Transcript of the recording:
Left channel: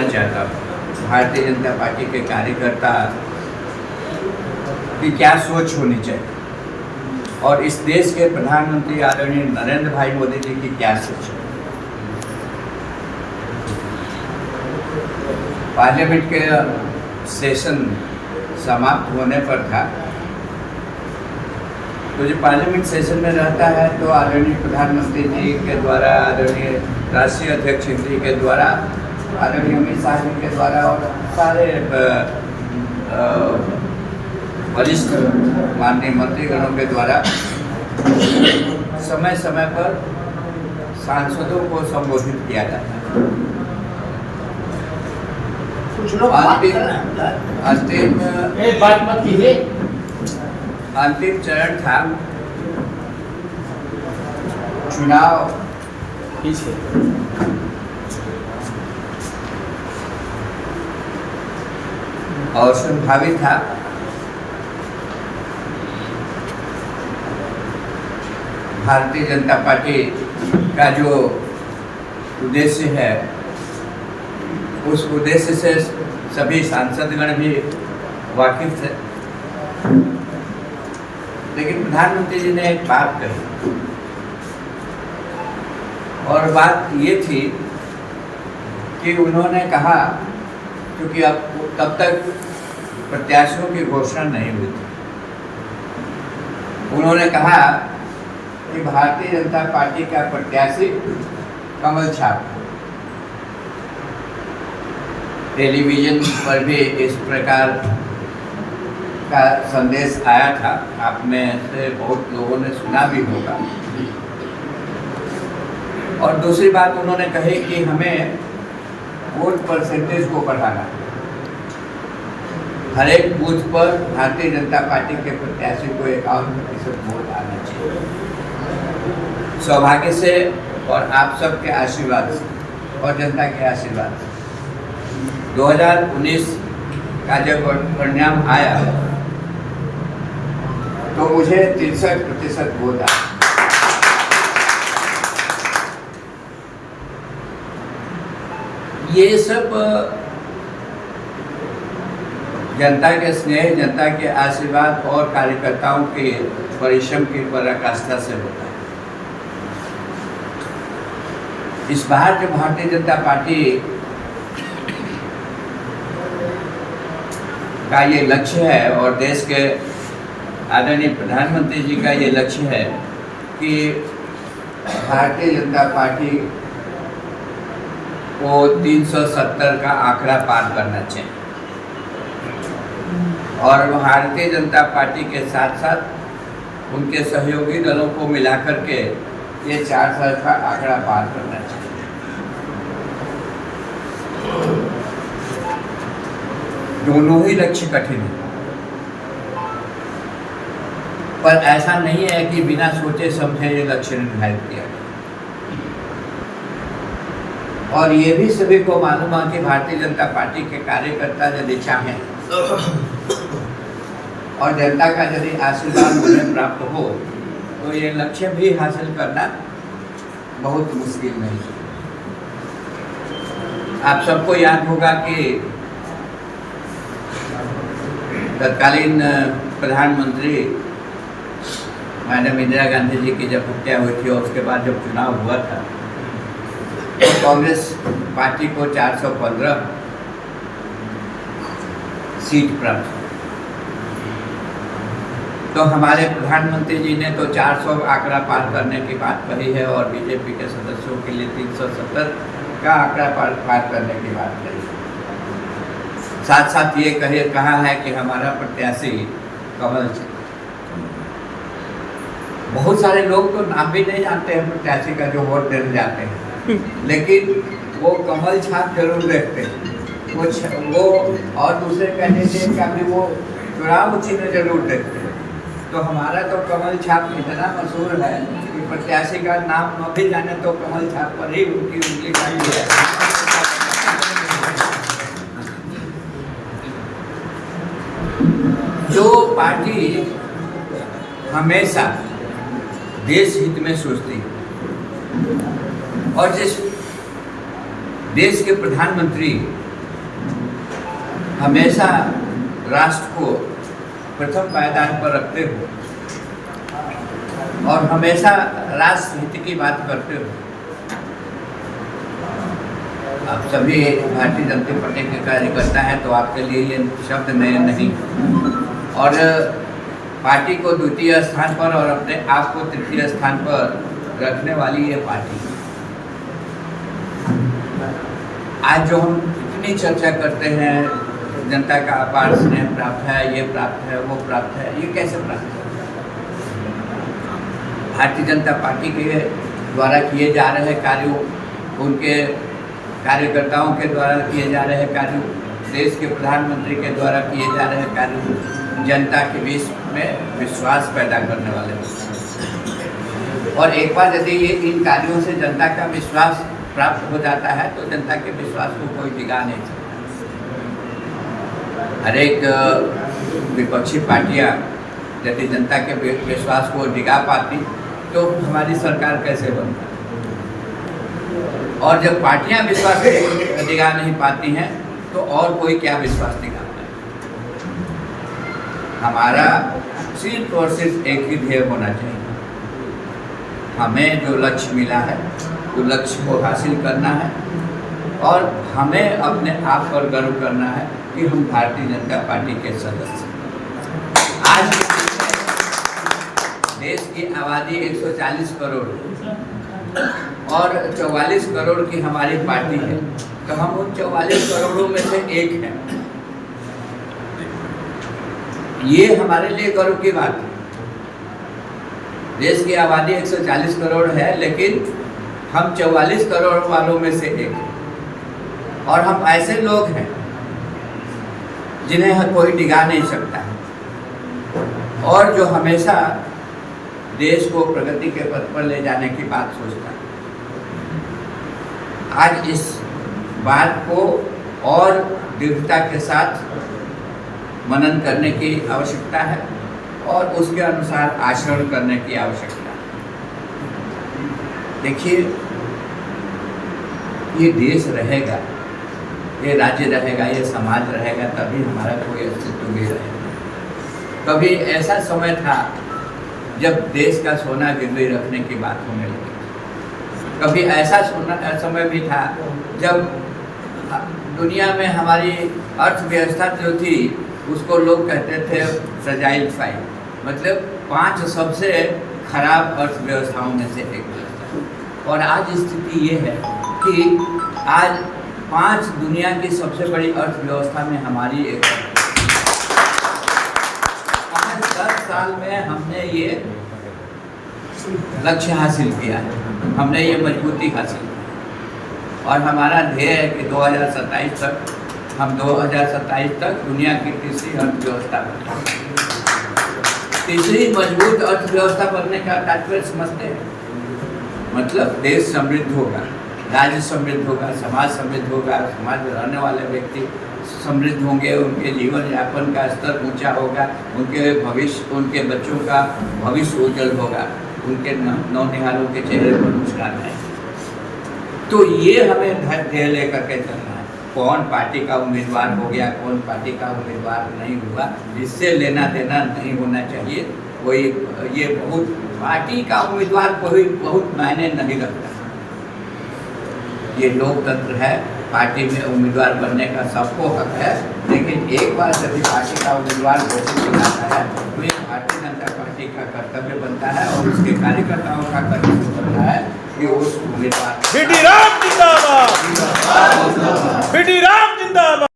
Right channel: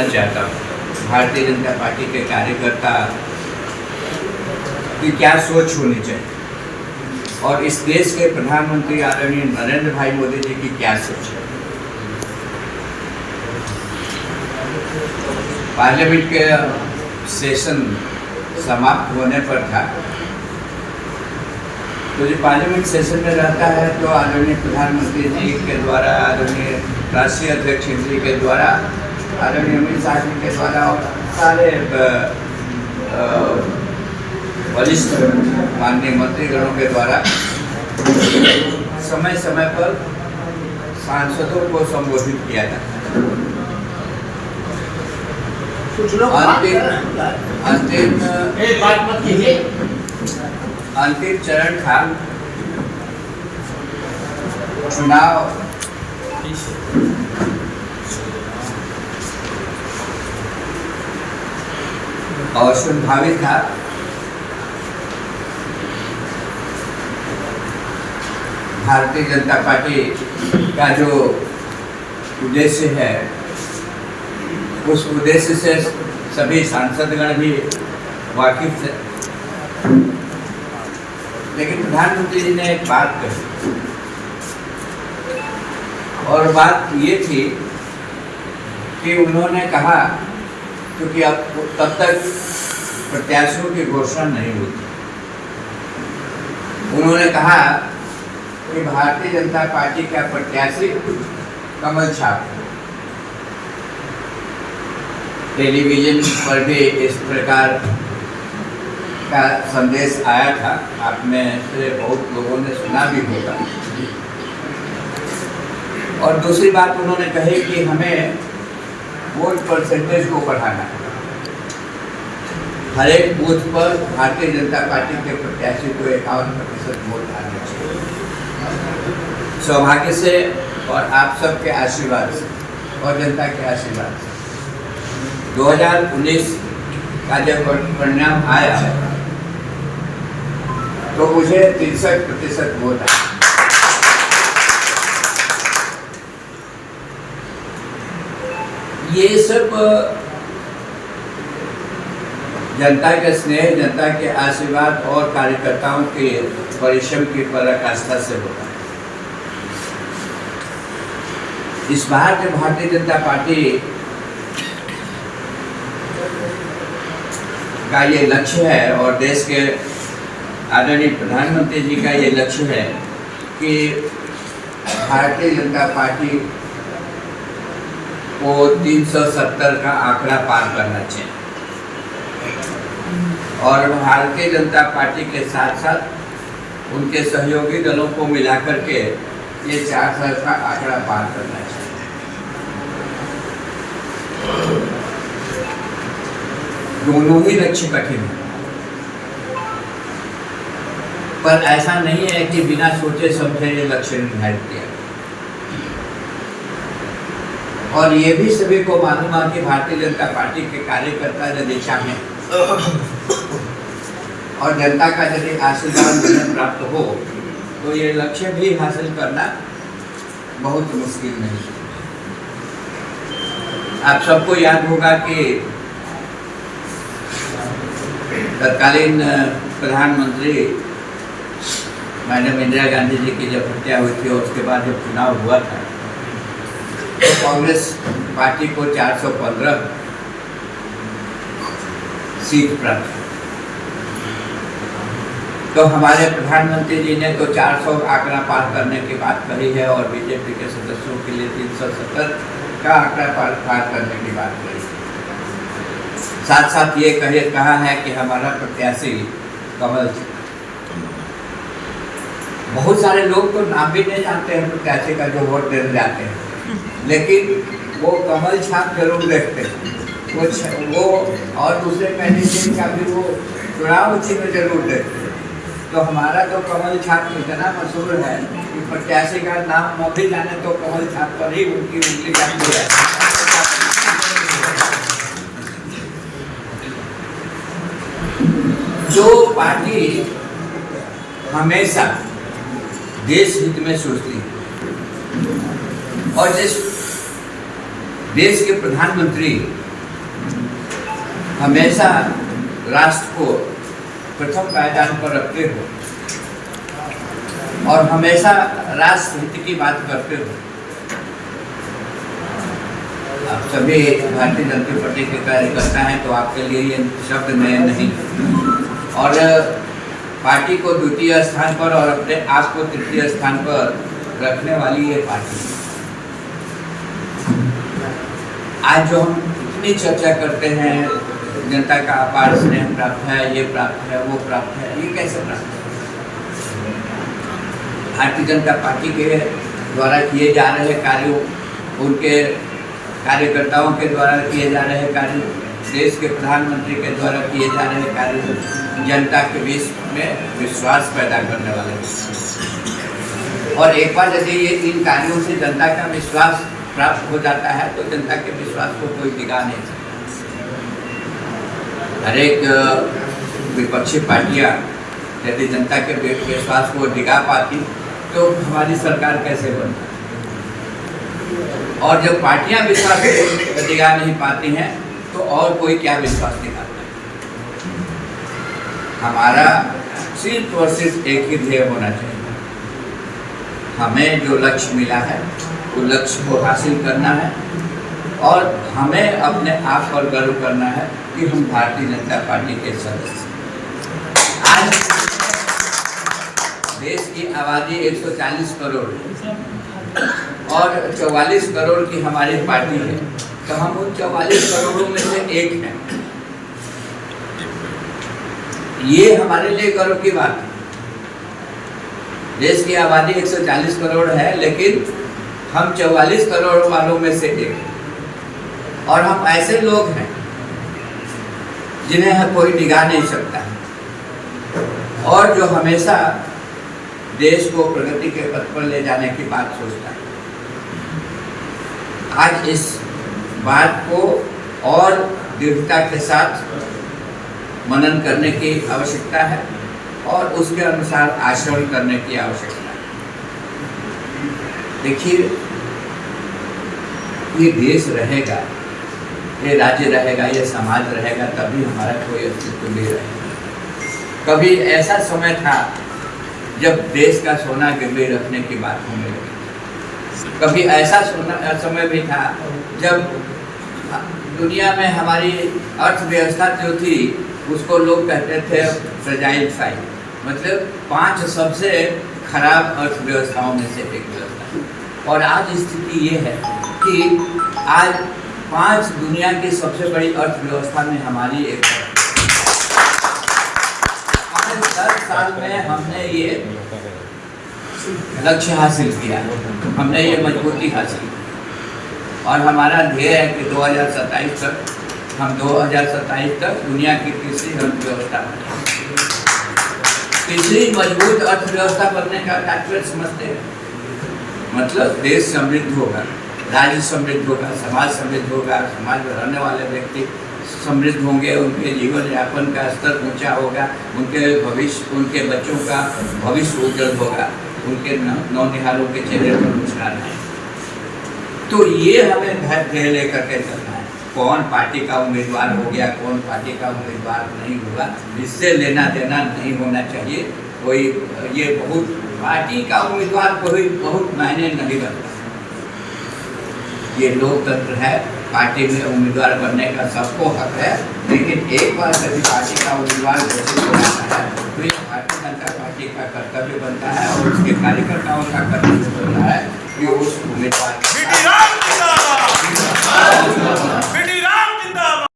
जानना चाहता हूँ भारतीय जनता पार्टी के कार्यकर्ता की क्या सोच होनी चाहिए और इस देश के प्रधानमंत्री आदरणीय नरेंद्र भाई मोदी जी की क्या सोच है। पार्लियामेंट के सेशन समाप्त होने पर था, तो जो पार्लियामेंट सेशन में रहता है तो आदरणीय प्रधानमंत्री जी के द्वारा, आदरणीय राष्ट्रीय अध्यक्ष जी के द्वारा, आदरणीय अमित शाह जी के द्वारा और सारे वरिष्ठ माननीय मंत्रीगणों के द्वारा समय समय पर सांसदों को संबोधित किया जाता है। कुछ लोग अंतिम चरण था चुनाव और संभावित था भारतीय जनता पार्टी का जो उद्देश्य है उस उद्देश्य से सभी सांसदगण भी वाकिफ थे, लेकिन प्रधानमंत्री जी ने एक बात कही और बात ये थी कि उन्होंने कहा, क्योंकि अब तब तक प्रत्याशियों की घोषणा नहीं हुई थी, उन्होंने कहा कि भारतीय जनता पार्टी का प्रत्याशी कमल छाप। टेलीविजन पर भी इस प्रकार का संदेश आया था, आप में से बहुत लोगों ने सुना भी होगा। और दूसरी बात उन्होंने कही कि हमें वोट परसेंटेज को बढ़ाना है, हर एक बूथ पर भारतीय जनता पार्टी के प्रत्याशी को 51% वोट आना चाहिए। सौभाग्य से और आप सबके आशीर्वाद से और जनता के आशीर्वाद से 2019 का जब परिणाम आया है तो मुझे 63% वोट आया। ये सब जनता के स्नेह, जनता के आशीर्वाद और कार्यकर्ताओं के परिश्रम की पराकाष्ठा से होता है। इस बार के भारतीय जनता पार्टी का ये लक्ष्य है और देश के आदरणीय प्रधानमंत्री जी का ये लक्ष्य है कि भारतीय जनता पार्टी को 370 का आंकड़ा पार करना चाहिए और भारतीय जनता पार्टी के साथ साथ उनके सहयोगी दलों को मिलाकर के ये 400 का आंकड़ा पार करना चाहिए। दोनों ही लक्ष्य कठिन है, पर ऐसा नहीं है कि बिना सोचे समझे ये लक्ष्य निर्धारित किया। और ये भी सभी को मालूम है कि भारतीय जनता पार्टी के कार्यकर्ता यदि चाहें और जनता का यदि आशीर्वाद उन्हें प्राप्त हो तो ये लक्ष्य भी हासिल करना बहुत मुश्किल नहीं है। आप सबको याद होगा कि तत्कालीन प्रधानमंत्री मैडम इंदिरा गांधी जी की जब हत्या हुई थी और उसके बाद जब चुनाव हुआ था तो कांग्रेस पार्टी को 415 सीट प्राप्त हुई। तो हमारे प्रधानमंत्री जी ने तो 400 आंकड़ा पार करने की बात कही है और बीजेपी के सदस्यों के लिए 370 का आंकड़ा पार करने की बात कही। साथ साथ ये कहा है कि हमारा प्रत्याशी कमल जी। बहुत सारे लोग तो नाम भी नहीं जानते हैं प्रत्याशी का जो वोट देने जाते हैं, लेकिन वो कमल छाप जरूर देखते हैं। वो और दूसरे कैंडिडेट का भी वो चुनाव चिन्ह जरूर देखते हैं। तो हमारा तो कमल छाप इतना मशहूर है कि प्रत्याशी का नाम न भी जाने तो कमल छाप पर ही उनकी उंगली जाती है। जो पार्टी हमेशा देश हित में सोचती है और जिस देश के प्रधानमंत्री हमेशा राष्ट्र को प्रथम पायदान पर रखते हो और हमेशा राष्ट्र हित की बात करते हो। आप सभी भारतीय जनता पार्टी के कार्यकर्ता हैं, तो आपके लिए ये शब्द नए नहीं, और पार्टी को द्वितीय स्थान पर और अपने आप को तृतीय स्थान पर रखने वाली ये पार्टी। आज जो हम इतनी चर्चा करते हैं, जनता का अपार स्नेह प्राप्त है, ये प्राप्त है, वो प्राप्त है, ये कैसे प्राप्त है? भारतीय जनता पार्टी के द्वारा किए जा रहे कार्यों, उनके कार्यकर्ताओं के द्वारा किए जा रहे कार्य, देश के प्रधानमंत्री के द्वारा किए जा रहे कार्य जनता के बीच में विश्वास पैदा करने वाले हैं। और एक बार यदि ये इन कार्यों से जनता का विश्वास प्राप्त हो जाता है तो जनता के विश्वास को कोई डिगा नहीं सकता। हर एक विपक्षी पार्टियां यदि जनता के विश्वास को डिगा पाती तो हमारी सरकार कैसे बनती? और जब पार्टियां विश्वास दिखा नहीं पाती हैं तो और कोई क्या विश्वास दिखाता है? हमारा सिर्फ और सिर्फ एक ही ध्येय होना चाहिए। हमें जो लक्ष्य मिला है वो लक्ष्य को हासिल करना है और हमें अपने आप पर गर्व करना है कि हम भारतीय जनता पार्टी के सदस्य। आज देश की आबादी 140 करोड़ और 44 करोड़ की हमारी पार्टी है, तो हम उन 44 करोड़ों में से एक हैं। ये हमारे लिए गर्व की बात है। देश की आबादी 140 करोड़ है, लेकिन हम 44 करोड़ वालों में से एक हैं। और हम ऐसे लोग हैं जिन्हें कोई डिगा नहीं सकता और जो हमेशा देश को प्रगति के पथ पर ले जाने की बात सोचता है। आज इस बात को और दृढ़ता के साथ मनन करने की आवश्यकता है और उसके अनुसार आचरण करने की आवश्यकता है। देखिए, ये देश रहेगा, ये राज्य रहेगा, ये समाज रहेगा, तभी हमारा कोई अस्तित्व भी रहेगा। कभी ऐसा समय था जब देश का सोना गिरवी रखने की बात होने लगी। कभी ऐसा समय भी था जब दुनिया में हमारी अर्थव्यवस्था जो थी उसको लोग कहते थे फ्रेजाइल फाइल, मतलब 5 सबसे खराब अर्थव्यवस्थाओं में से एक व्यवस्था। और आज स्थिति ये है कि आज 5 दुनिया की सबसे बड़ी अर्थव्यवस्था में हमारी एक 5-10 साल में हमने ये लक्ष्य हासिल किया, हमने ये मजबूती हासिल की और हमारा ध्येय है कि 2027 तक हम 2027 तक दुनिया की तीसरी अर्थव्यवस्था बने। तीसरी मजबूत अर्थव्यवस्था बनने का तात्पर्य समझते हैं, मतलब देश समृद्ध होगा, राज्य समृद्ध होगा, समाज समृद्ध होगा, समाज में रहने वाले व्यक्ति समृद्ध होंगे, उनके जीवन यापन का स्तर ऊंचा होगा, उनके भविष्य, उनके बच्चों का भविष्य उज्जवल होगा, उनके नौनिहालों के चेहरे पर मुस्कान है। तो ये हमें ध्येय लेकर के चलना है। कौन पार्टी का उम्मीदवार हो गया, कौन पार्टी का उम्मीदवार नहीं हुआ, इससे लेना देना नहीं होना चाहिए। कोई ये बहुत पार्टी का उम्मीदवार कोई बहुत मायने नहीं रखता। ये लोकतंत्र है, पार्टी में उम्मीदवार बनने का सबको हक है, लेकिन एक बार यदि पार्टी का उम्मीदवार घोषित हो जाता है तो ये भारतीय जनता पार्टी का कर्तव्य बनता है और उसके कार्यकर्ताओं का कर्तव्य बनता है कि उस उम्मीदवार